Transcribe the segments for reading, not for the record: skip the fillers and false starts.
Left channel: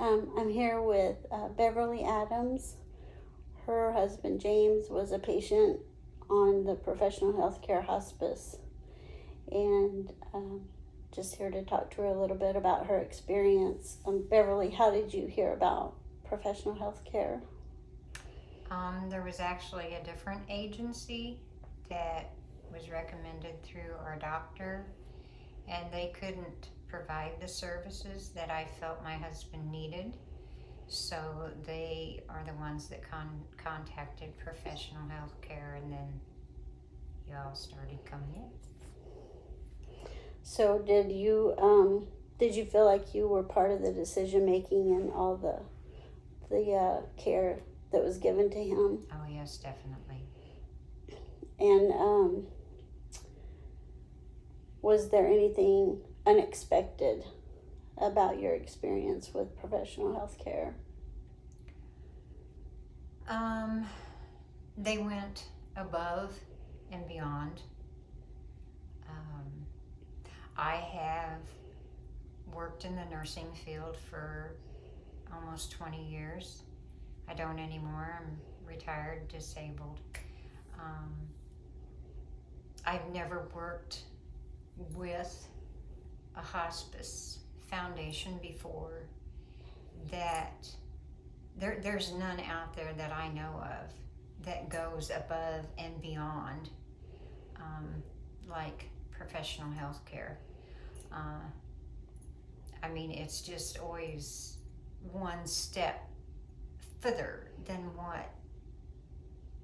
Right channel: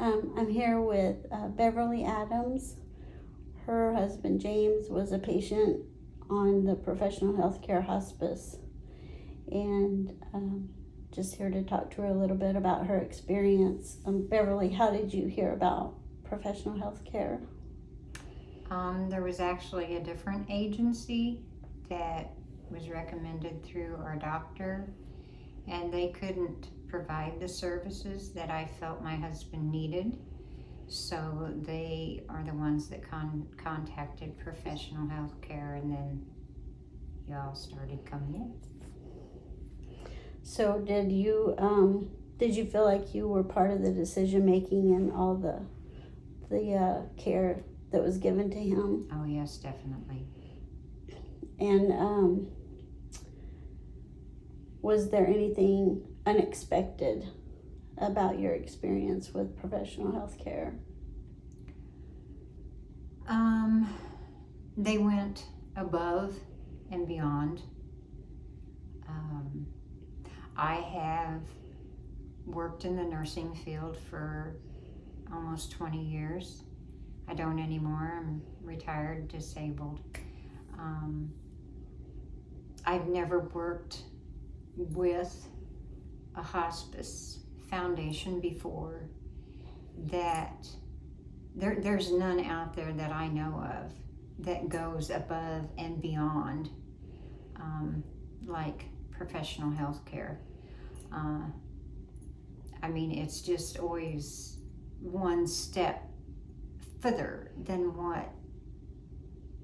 I'm here with Beverly Adams. Her husband James was a patient on the professional healthcare hospice, and just here to talk to her a little bit about her experience. Beverly, how did you hear about professional healthcare? There was actually a different agency that was recommended through our doctor, and they couldn't provide the services that I felt my husband needed. So they are the ones that contacted professional health care, and then y'all started coming in. So did you feel like you were part of the decision making and all the care that was given to him? Oh yes, definitely. And was there anything unexpected about your experience with professional health care? They went above and beyond. I have worked in the nursing field for almost 20 years. I don't anymore. I'm retired, disabled. I've never worked with a hospice foundation before. That there's none out there that I know of that goes above and beyond like professional health care. I mean, it's just always one step further than what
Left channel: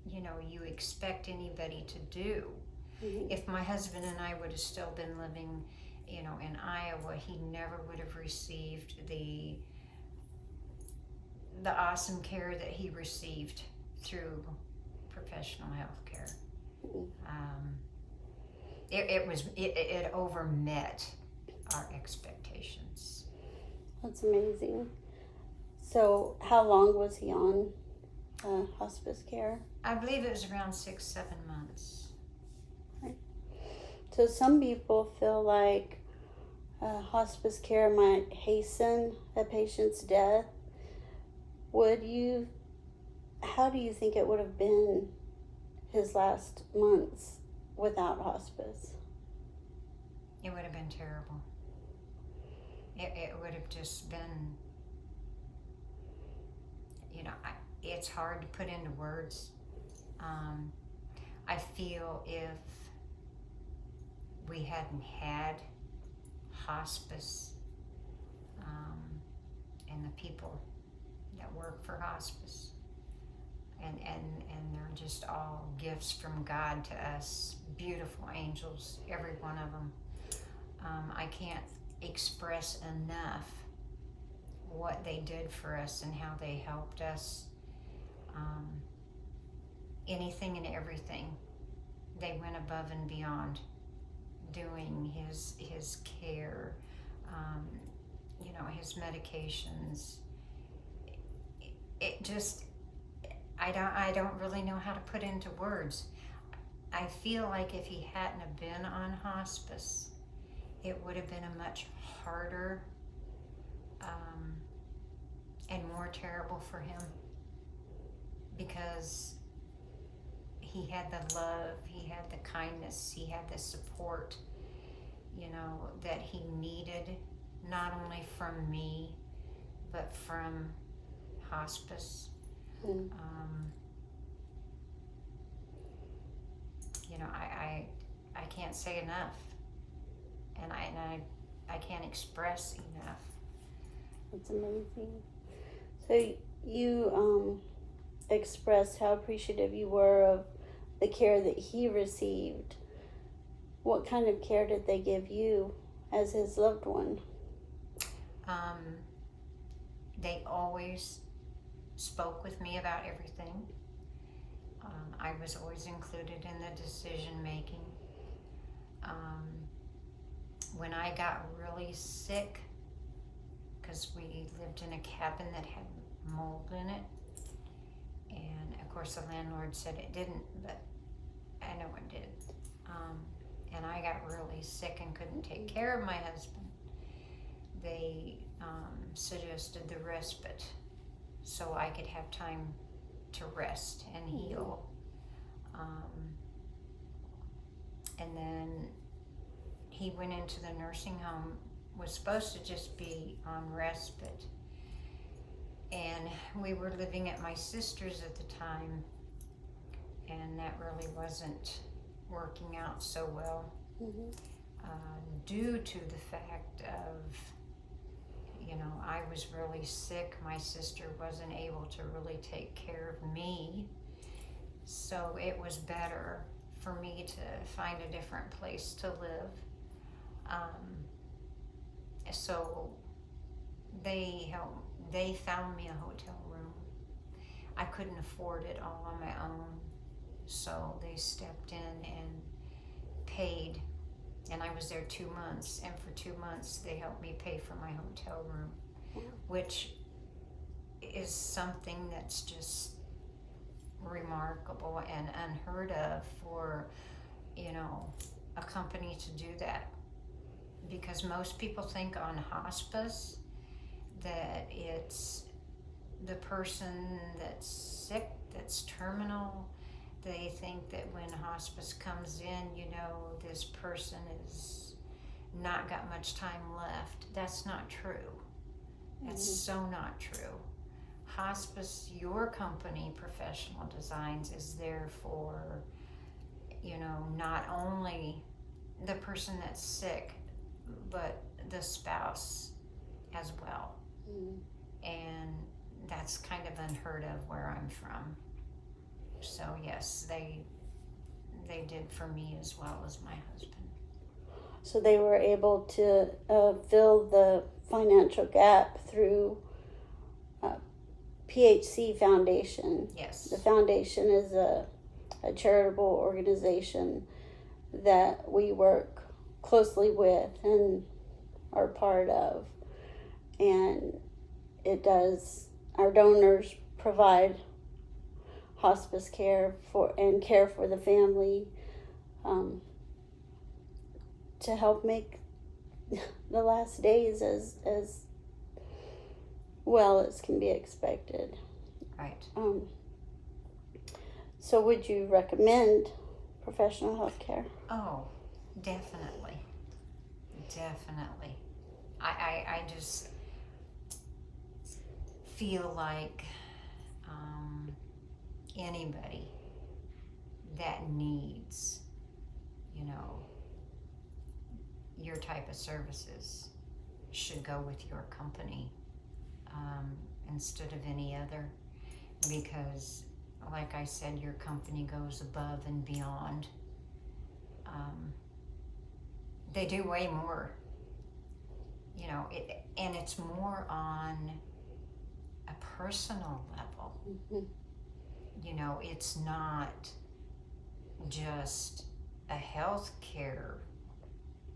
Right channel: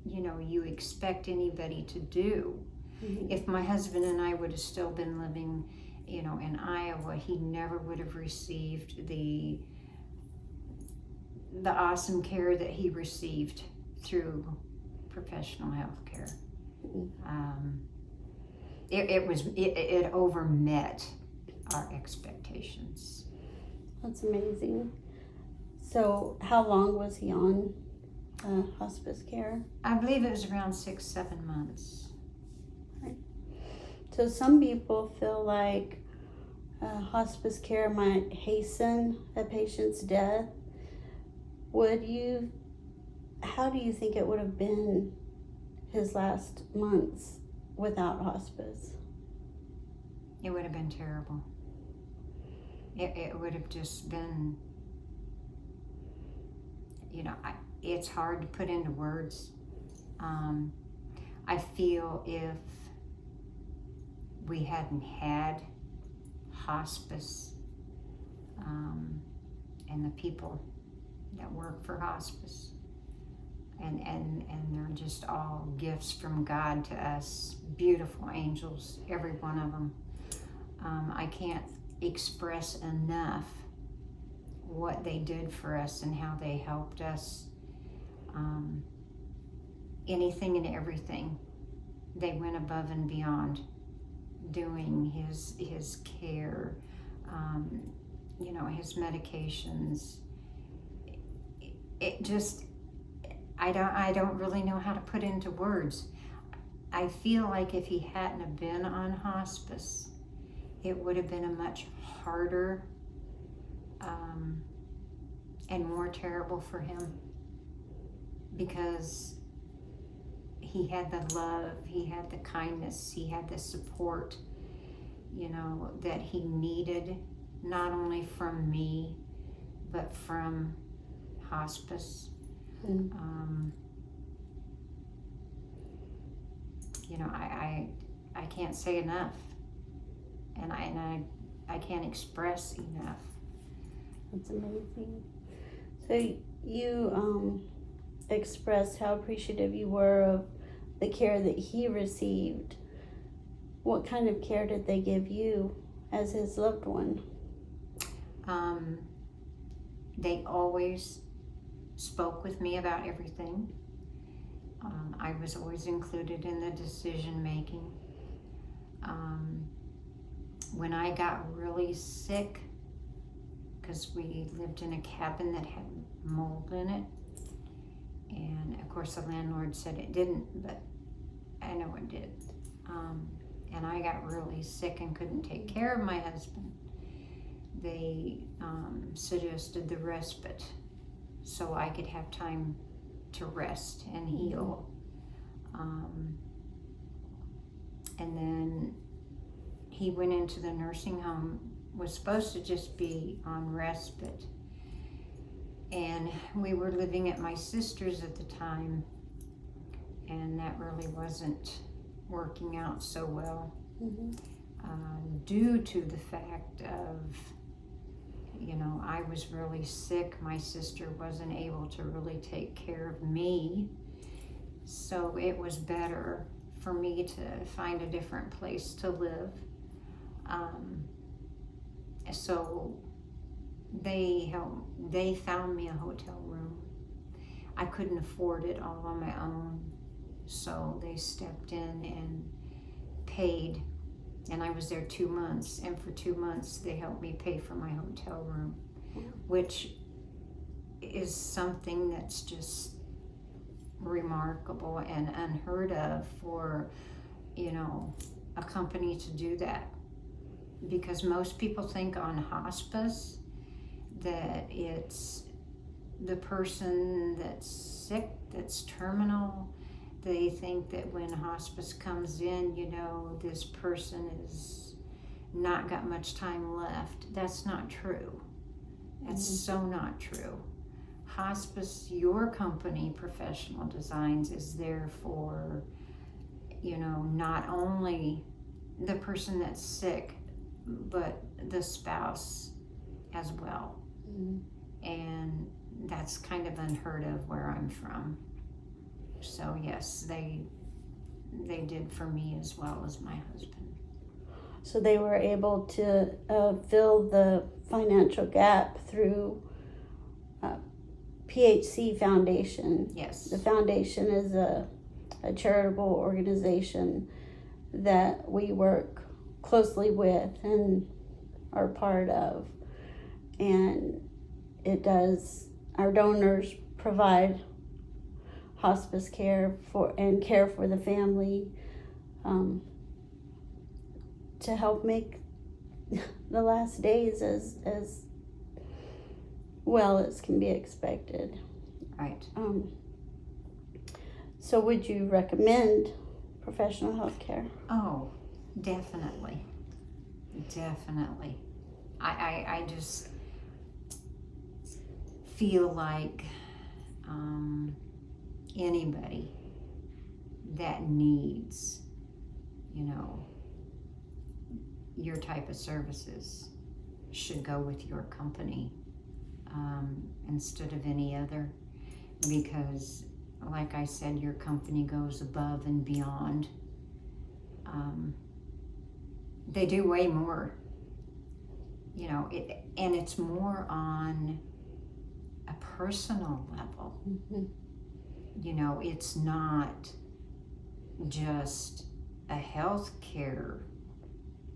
you expect anybody to do. Mm-hmm. If my husband and I would have still been living in Iowa, he never would have received the awesome care that he received through professional health care. It overmet our expectations. That's amazing. So how long was he on hospice care? I believe it was around 6-7 months. Right. So some people feel like hospice care might hasten a patient's death. How do you think it would have been his last months without hospice? It would have been terrible. It would have just been, it's hard to put into words. I feel if we hadn't had hospice, and the people that work for hospice, and they're just all gifts from God to us, beautiful angels, every one of them. I can't express enough what they did for us and how they helped us. Anything and everything, they went above and beyond doing his care, his medications. It just, I don't really know how to put into words. I feel like if he hadn't have been on hospice, it would have been a much harder and more terrible for him, because he had the love, he had the kindness, he had the support, that he needed, not only from me, but from hospice. Mm. I can't say enough, and I can't express enough. That's amazing. So you expressed how appreciative you were of the care that he received. What kind of care did they give you as his loved one? They always spoke with me about everything. I was always included in the decision making. When I got really sick, because we lived in a cabin that had mold in it, and of course the landlord said it didn't, but I know it did. And I got really sick and couldn't take care of my husband. they suggested the respite so I could have time to rest and heal. And then he went into the nursing home, was supposed to just be on respite. And we were living at my sister's at the time, and that really wasn't working out so well. Due to the fact of, I was really sick. My sister wasn't able to really take care of me. So it was better for me to find a different place to live. So they found me a hotel room. I couldn't afford it all on my own. So they stepped in and paid. And I was there 2 months, and for 2 months they helped me pay for my hotel room, which is something that's just remarkable and unheard of for, a company to do that. Because most people think on hospice that it's the person that's sick, that's terminal. They think that when hospice comes in, this person is not got much time left. That's not true. That's so not true. Hospice, your company, Professional Designs, is there for, not only the person that's sick, but the spouse as well. And that's kind of unheard of where I'm from. So yes, they did for me as well as my husband. So they were able to fill the financial gap through PHC Foundation. Yes. The foundation is a charitable organization that we work closely with and are part of. And our donors provide hospice care for the family, to help make the last days as well as can be expected. Right. So would you recommend professional health care? Oh, definitely. I just feel like anybody that needs, your type of services should go with your company instead of any other, because like I said, your company goes above and beyond. They do way more, and it's more on a personal level. It's not just a healthcare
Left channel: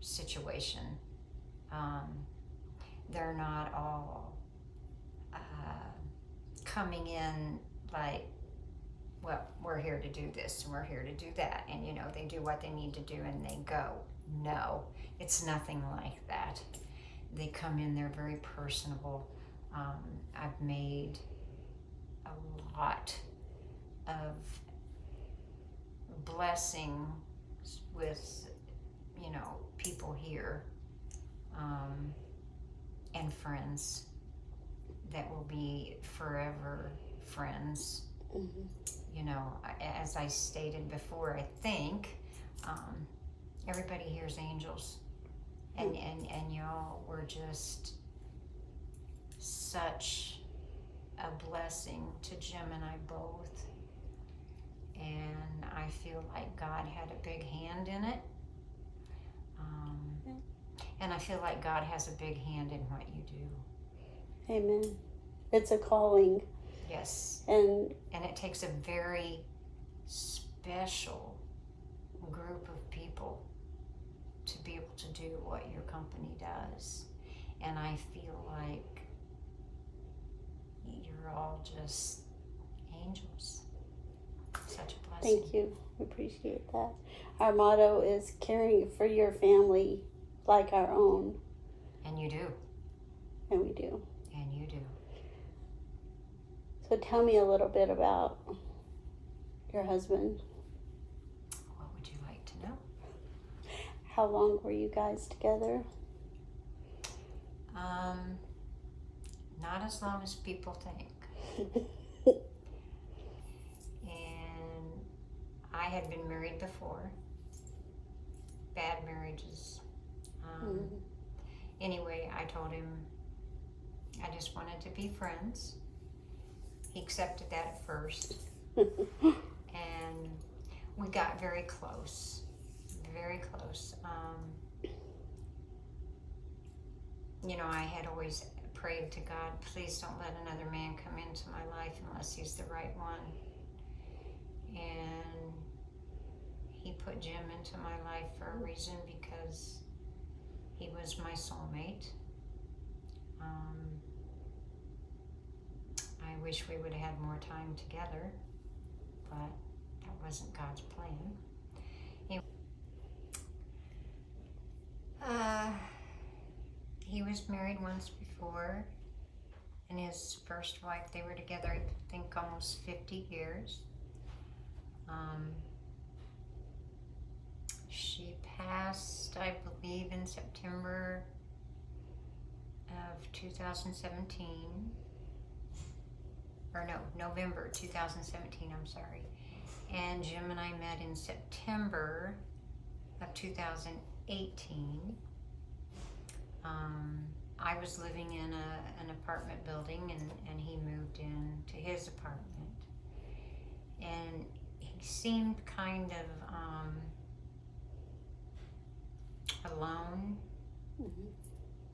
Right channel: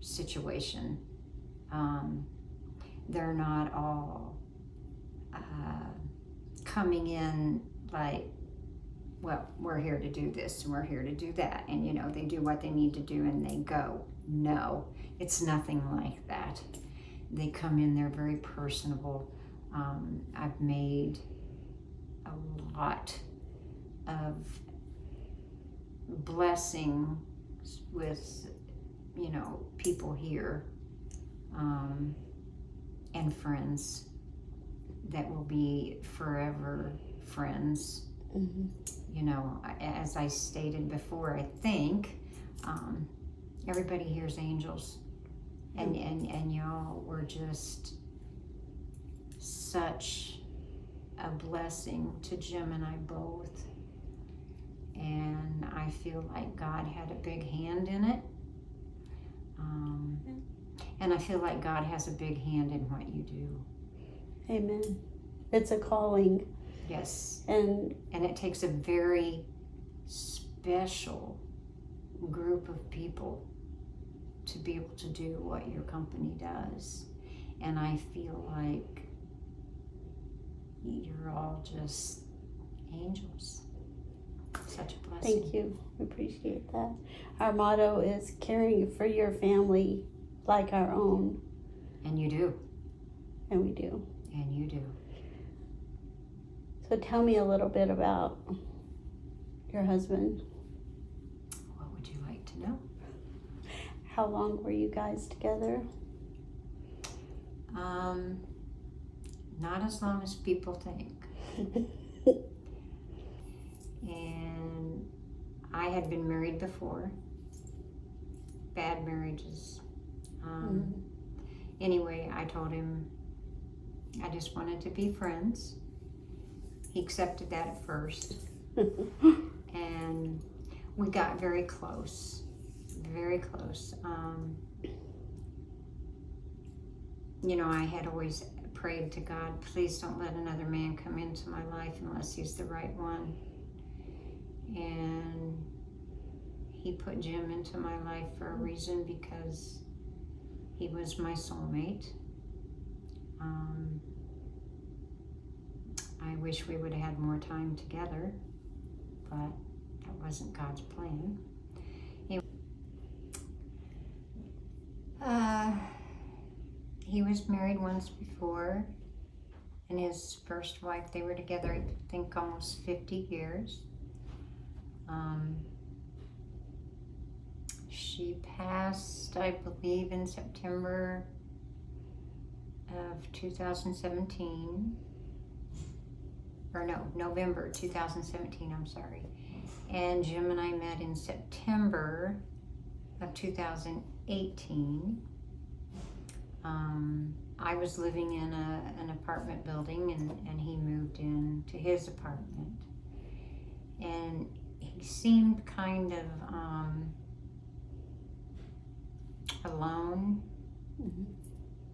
situation. They're not all coming in like, well, we're here to do this and we're here to do that, and they do what they need to do and they go. No, it's nothing like that. They come in, they're very personable. I've made a lot of blessings with people here, and friends that will be forever friends. As I stated before, I think everybody here's angels, and y'all were just such a blessing to Jim and I both, and I feel like God had a big hand in it, and I feel like God has a big hand in what you do. Amen. It's a calling. Yes. And it takes a very special group of people to be able to do what your company does. And I feel like you're all just angels. Such a blessing. thank you. We appreciate that. Our motto is caring for your family like our own. And you do. And we do. And you do. So tell me a little bit about your husband. What would you like to know? How long were you guys together? Not as long as people think. And I had been married before. Bad marriages. Anyway, I told him I just wanted to be friends. He accepted that at first. And we got very close. Very close. You know, I had always prayed to God, please don't let another man come into my life unless he's the right one. And he put Jim into my life for a reason, because he was my soulmate. I wish we would have had more time together, but that wasn't God's plan. He was married once before, and his first wife, they were together, I think, almost 50 years. She passed, I believe, in September of 2017. Or no, November 2017, I'm sorry. And Jim and I met in September of 2018. I was living in an apartment building, and he moved into his apartment. And he seemed kind of alone,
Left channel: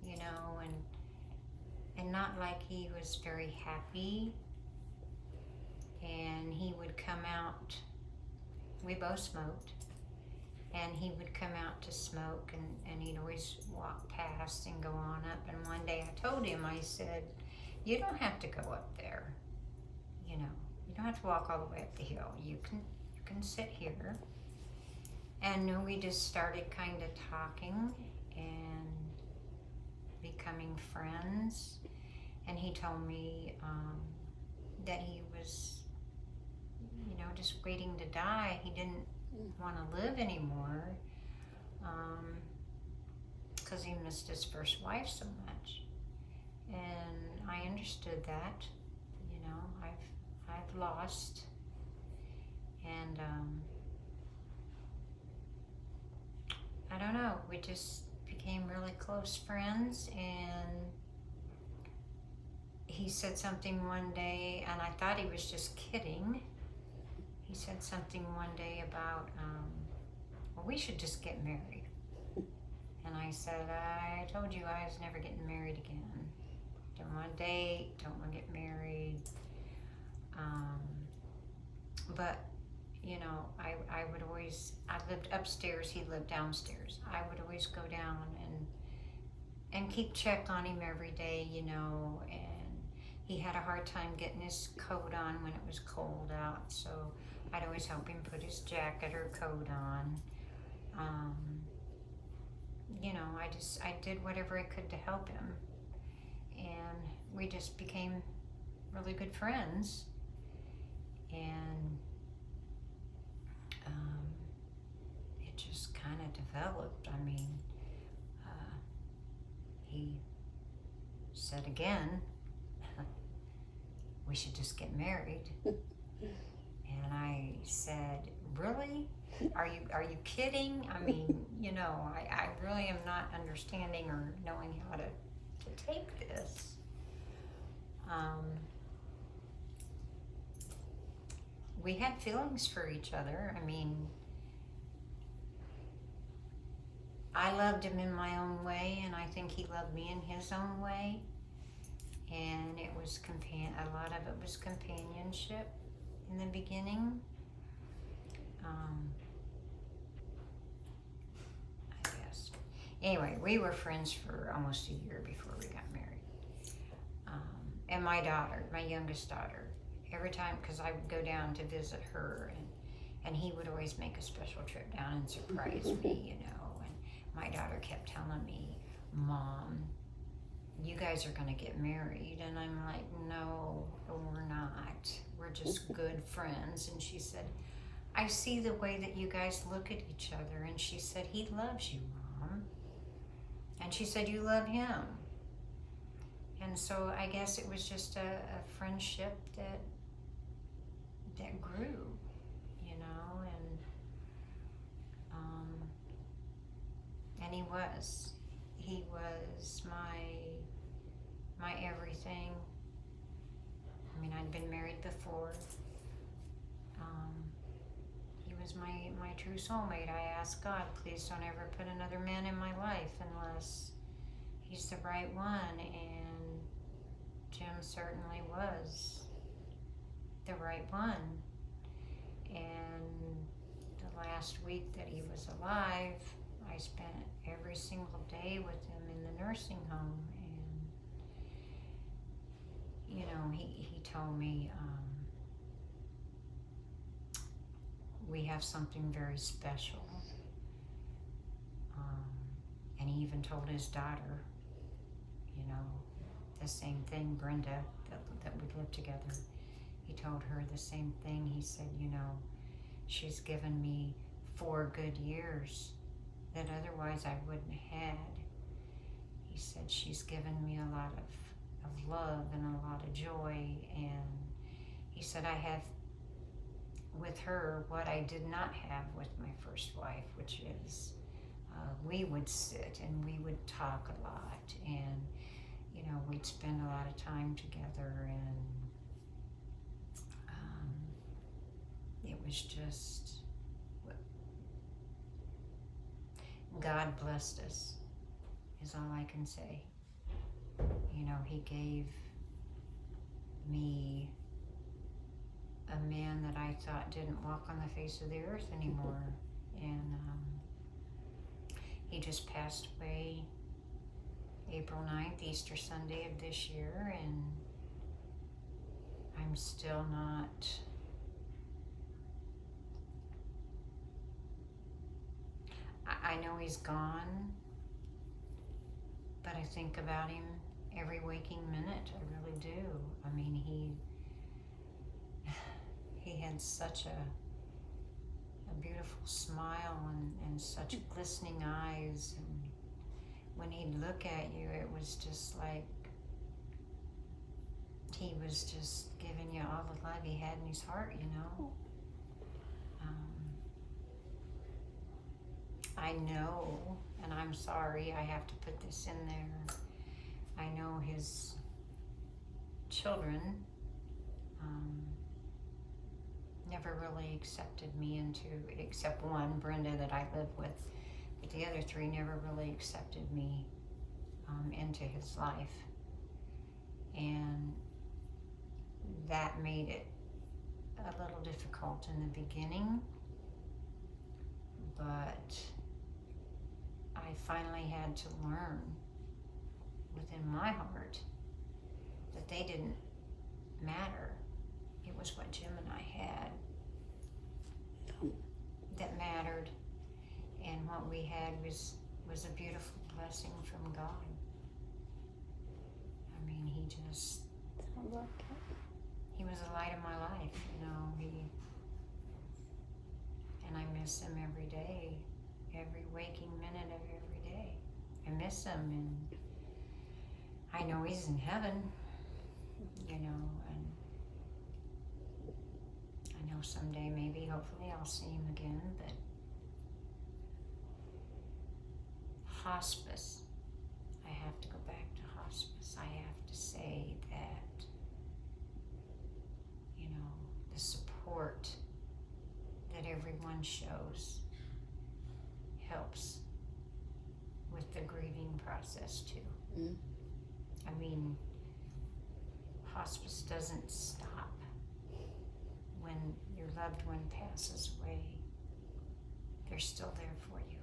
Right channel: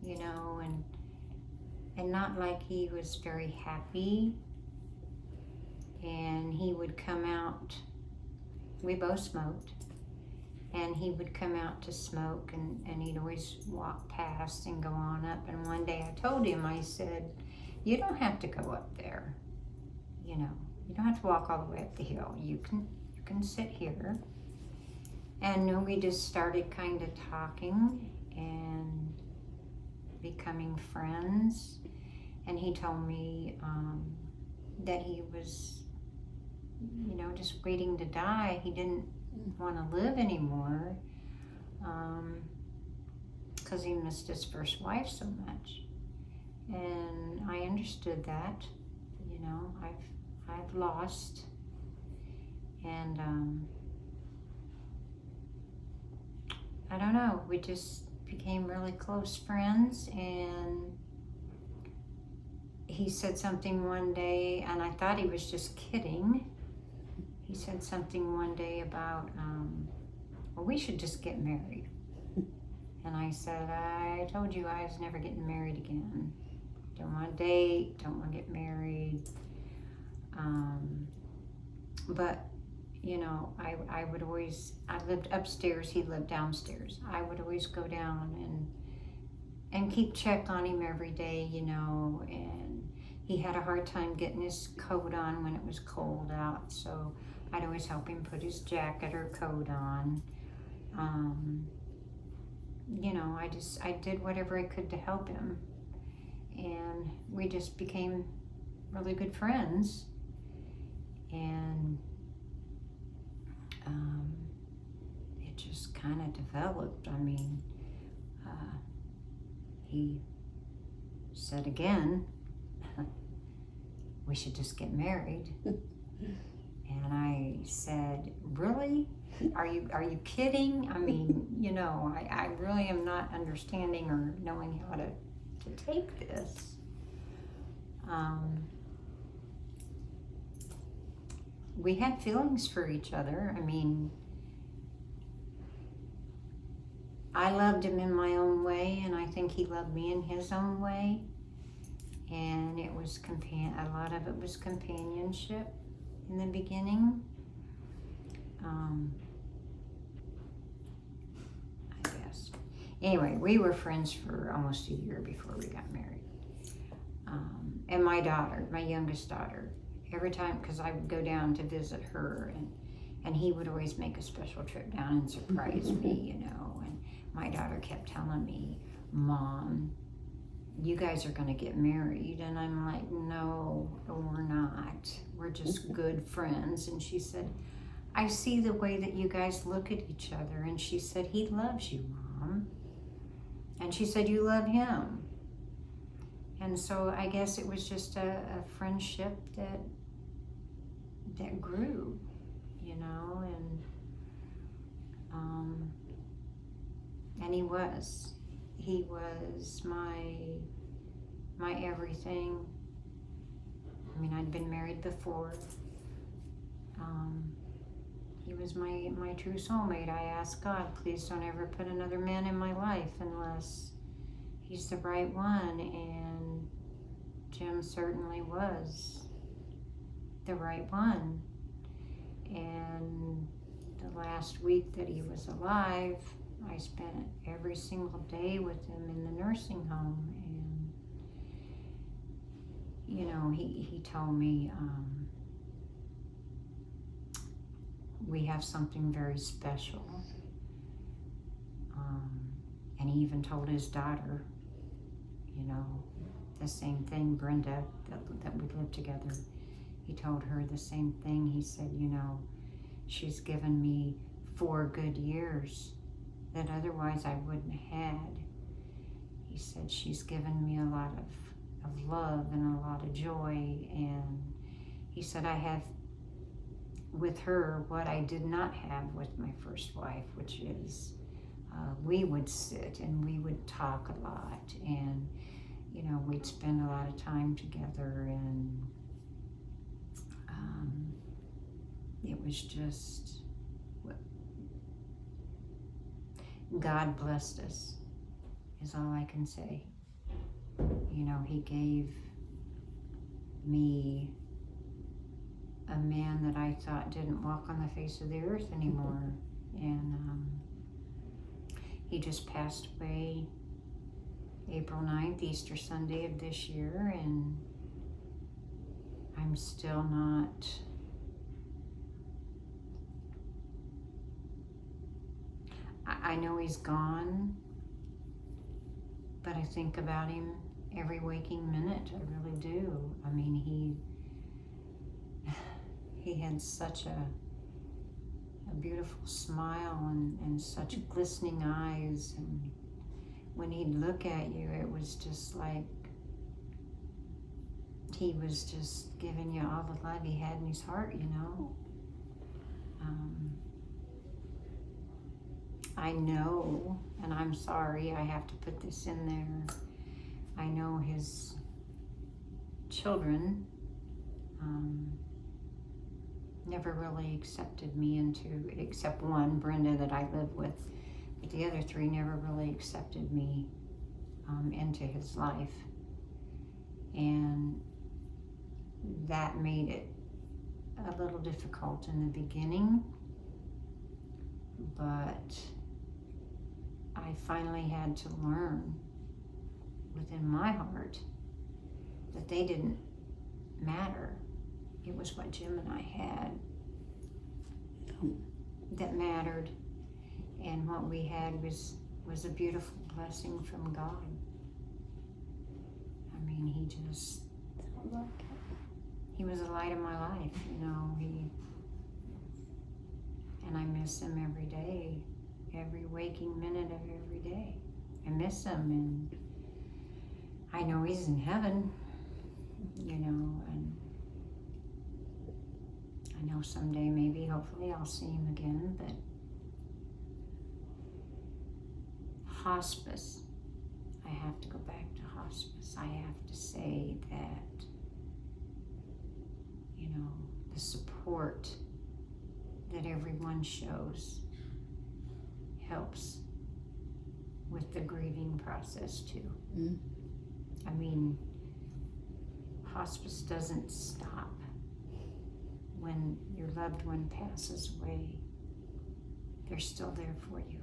you know, and not like he was very happy. And he would come out, we both smoked, and he would come out to smoke, and he'd always walk past and go on up. And one day I told him, I said, you don't have to go up there, you know, you don't have to walk all the way up the hill. You can sit here. And we just started kind of talking and becoming friends. And he told me that he was, you know, just waiting to die. He didn't want to live anymore because he missed his first wife so much. And I understood that, you know, I've lost. And I don't know, we just became really close friends. And he said something one day, and I thought he was just kidding. He said something one day about, well, we should just get married. And I said, I told you I was never getting married again. Don't want to date, don't want to get married. But, you know, I would always, I lived upstairs, he lived downstairs. I would always go down and keep check on him every day, you know. And he had a hard time getting his coat on when it was cold out, so I'd always help him put his jacket or coat on. You know, I did whatever I could to help him. And we just became really good friends. And it just kind of developed. I mean, he said again, we should just get married. And I said, really? Are you kidding? I mean, you know, I really am not understanding or knowing how to take this. We had feelings for each other. I mean, I loved him in my own way, and I think he loved me in his own way. And it was a lot of it was companionship in the beginning. I guess. Anyway, we were friends for almost a year before we got married. And my daughter, my youngest daughter, every time, because I would go down to visit her, and he would always make a special trip down and surprise me, you know. And my daughter kept telling me, Mom, you guys are going to get married. And I'm like, no, we're not. We're just good friends. And she said, I see the way that you guys look at each other. And she said, he loves you, Mom. And she said, you love him. And so I guess it was just a friendship that grew, you know, and he was my everything. I mean, I'd been married before. He was my true soulmate. I asked God, please don't ever put another man in my life unless he's the right one, and Jim certainly was the right one. And the last week that he was alive, I spent every single day with him in the nursing home. And you know, he told me, we have something very special. And he even told his daughter, you know, the same thing, Brenda, that we lived together. He told her the same thing. He said, you know, she's given me 4 good years that otherwise I wouldn't have had. He said, she's given me a lot of love and a lot of joy. And he said, I have with her what I did not have with my first wife, which is we would sit and we would talk a lot, and you know, we'd spend a lot of time together, and it was just, God blessed us, is all I can say. You know, he gave me a man that I thought didn't walk on the face of the earth anymore, and he just passed away April 9th, Easter Sunday of this year, and I'm still not, I know he's gone, but I think about him every waking minute. I really do. I mean, he had such a beautiful smile and such glistening eyes, and when he'd look at you, it was just like he was just giving you all the love he had in his heart, you know. I know, and I'm sorry, I have to put this in there, I know his children never really accepted me into, except one, Brenda, that I live with, but the other 3 never really accepted me into his life, and that made it a little difficult in the beginning, but I finally had to learn within my heart that they didn't matter. It was what Jim and I had that mattered, and what we had was a beautiful blessing from God. I mean, he was the light of my life, you know. And I miss him every day, every waking minute of every day. I miss him, and I know he's in heaven, you know, and I know someday, maybe, hopefully, I'll see him again, but hospice, I have to go back to hospice. I have to say that, you know, the support that everyone shows helps with the grieving process too. I mean, hospice doesn't stop when your loved one passes away. They're still there for you.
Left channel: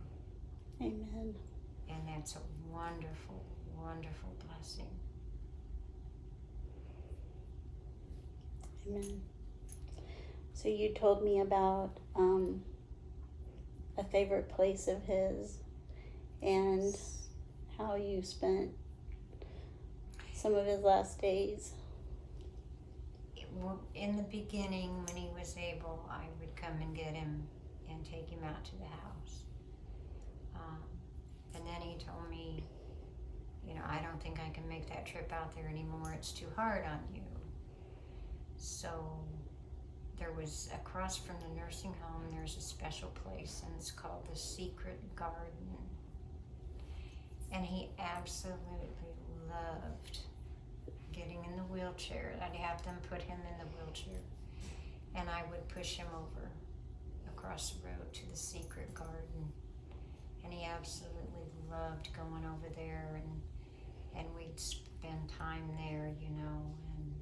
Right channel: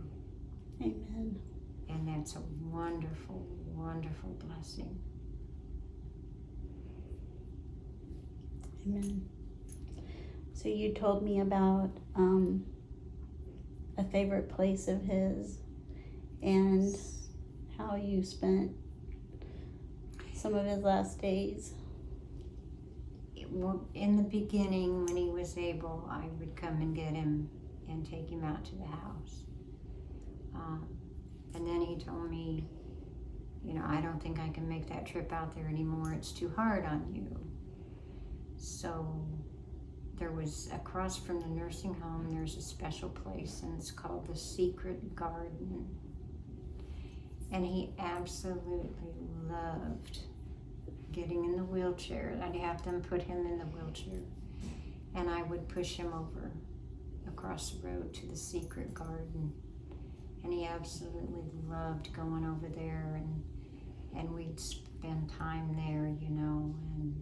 Amen. And that's a wonderful, wonderful blessing. Amen. So you told me about a favorite place of his, and how you spent some of his last days? In the beginning, when he was able, I would come and get him and take him out to the house. And then he told me, I don't think I can make that trip out there anymore. It's too hard on you. So there was, across from the nursing home, there's a special place, and it's called the Secret Garden. And he absolutely loved getting in the wheelchair. I'd have them put him in the wheelchair, and I would push him over across the road to the Secret Garden. And he absolutely loved going over there, and we'd spend time there, and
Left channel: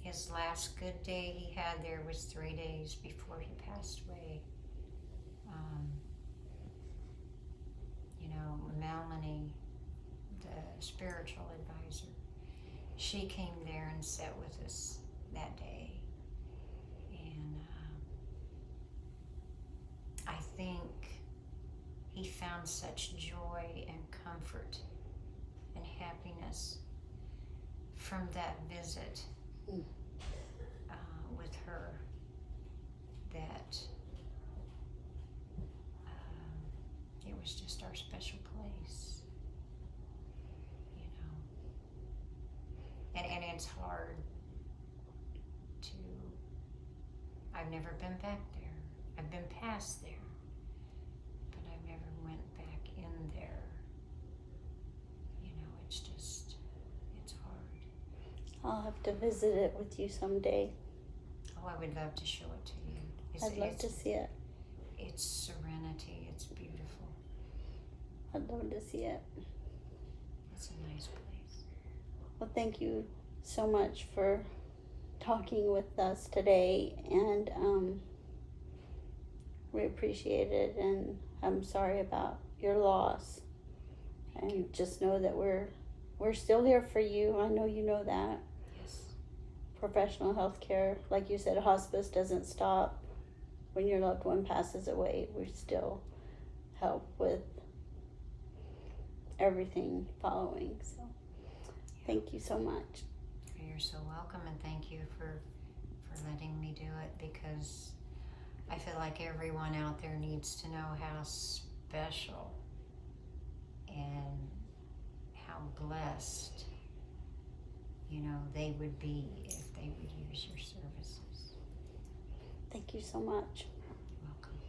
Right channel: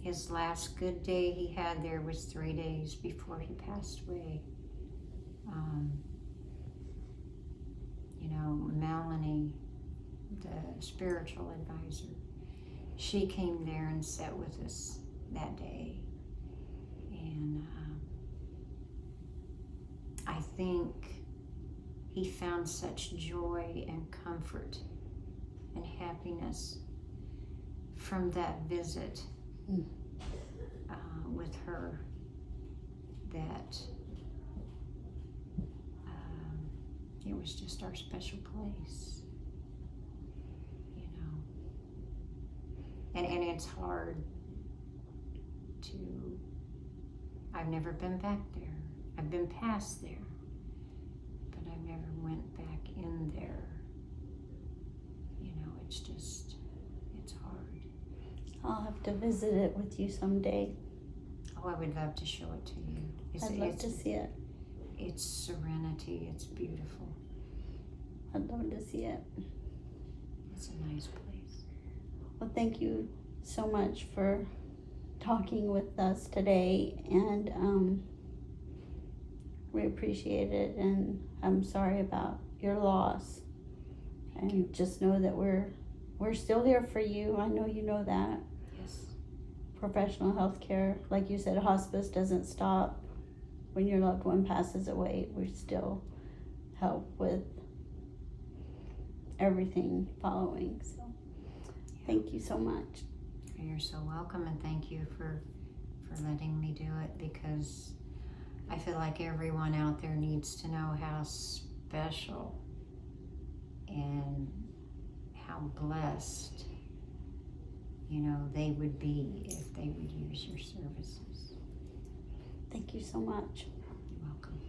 his last good day he had there was 3 days before he passed away. Melanie, the spiritual advisor, she came there and sat with us that day. And I think he found such joy and comfort and happiness from that visit with her that it was just our special place, and it's hard to, I've never been back there. I've been past there, but I've never went back in there. It's hard. I'll have to visit it with you someday. Oh, I would love to show it to you. I'd love to see it. It's serenity. It's beautiful. I'd love to see it. It's a nice place. Well, thank you so much for talking with us today, and we appreciate it, and I'm sorry about your loss. Thank you. Just know that we're still here for you. I know you know that. Yes. Professional health care, like you said, hospice doesn't stop when your loved one passes away. We still help with everything following. So thank you so much. You're so welcome, and thank you for letting me do it, because I feel like everyone out there needs to know how special and how blessed they would be if they would use your services. Thank you so much. You're welcome.